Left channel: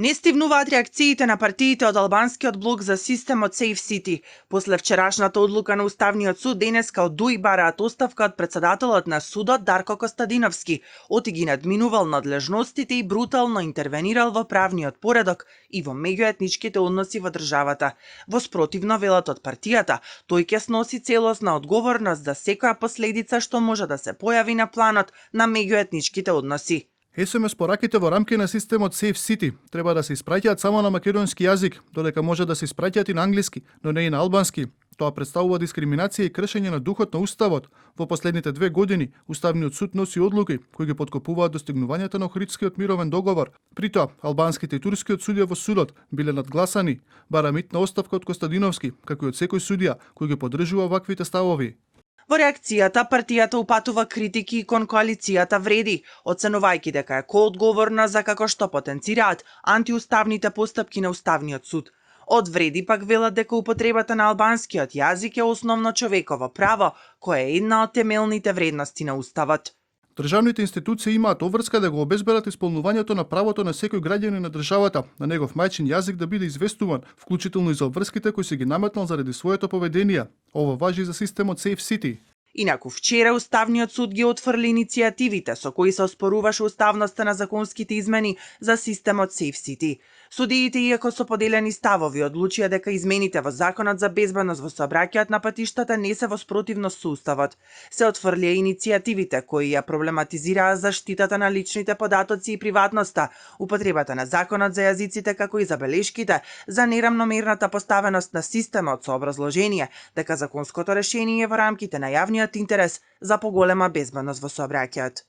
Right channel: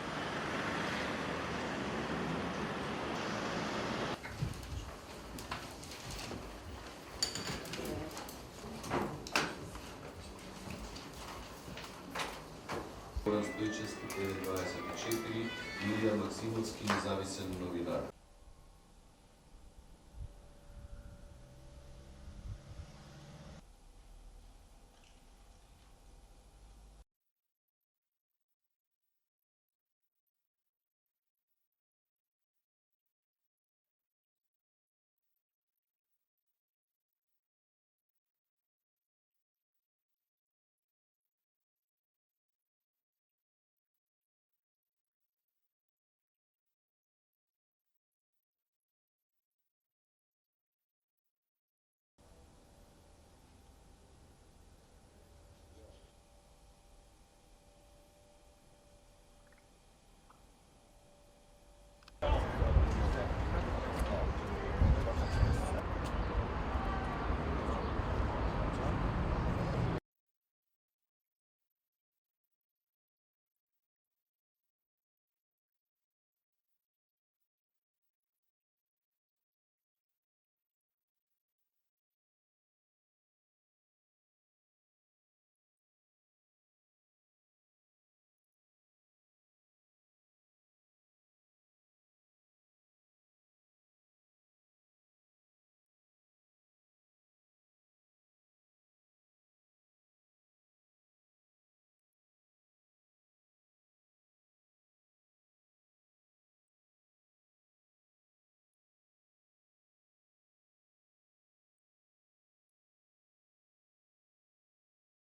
Не стивнуваат реакциите на партиите од албанскиот блок за системот Safe City. После вчерашната одлука на Уставниот суд, денеска од ДУИ бараат оставка од председателот на судот Дарко Костадиновски. Оти ги надминувал надлежностите и брутално интервенирал во правниот поредок и во меѓуетничките односи во државата. Во спротивно, велат од партијата, тој ќе сноси целосна одговорност за секоја последица што може да се појави на планот на меѓуетничките односи. СМС пораките во рамки на системот Safe City треба да се испраќаат само на македонски јазик, додека може да се испраќаат и на англиски, но не и на албански. Тоа представува дискриминација и кршење на духот на Уставот. Во последните 2 години, Уставниот суд носи одлуки кои ги поткопуваат достигнувањата на Охридскиот мировен договор. При тоа, албанските и турскиот судија во судот биле надгласани, бара митна оставка од Костадиновски, како и од секој судија кој ги поддржува ваквите ставови. Во реакцијата, партијата упатува критики кон коалицијата Вреди, оценувајќи дека е коодговорна за како што потенцираат антиуставните постапки на Уставниот суд. Од Вреди пак велат дека употребата на албанскиот јазик е основно човеково право, кое е една од темелните вредности на Уставот. Државните институции имаат обврска да го обезбедат исполнувањето на правото на секој граѓанин на државата на негов мајчин јазик да биде известуван, вклучително и за обврските кои си ги наметнал заради своето поведение. Ова важи за системот Safe City. Инаку вчера Уставниот суд ги отфрли иницијативите со кои се оспоруваше уставноста на законските измени за системот Safe City. Судиите, иако со поделени ставови, одлучија дека измените во Законот за безбедност во сообраќајот на патиштата не се во спротивност со Уставот. Се отфрлија иницијативите кои ја проблематизираа заштитата на личните податоци и приватноста, употребата на Законот за јазиците како и забелешките за нерамномерната поставеност на системот со образложение дека законското решение е во рамките на јавниот интерес за поголема безбедност во сообраќајот.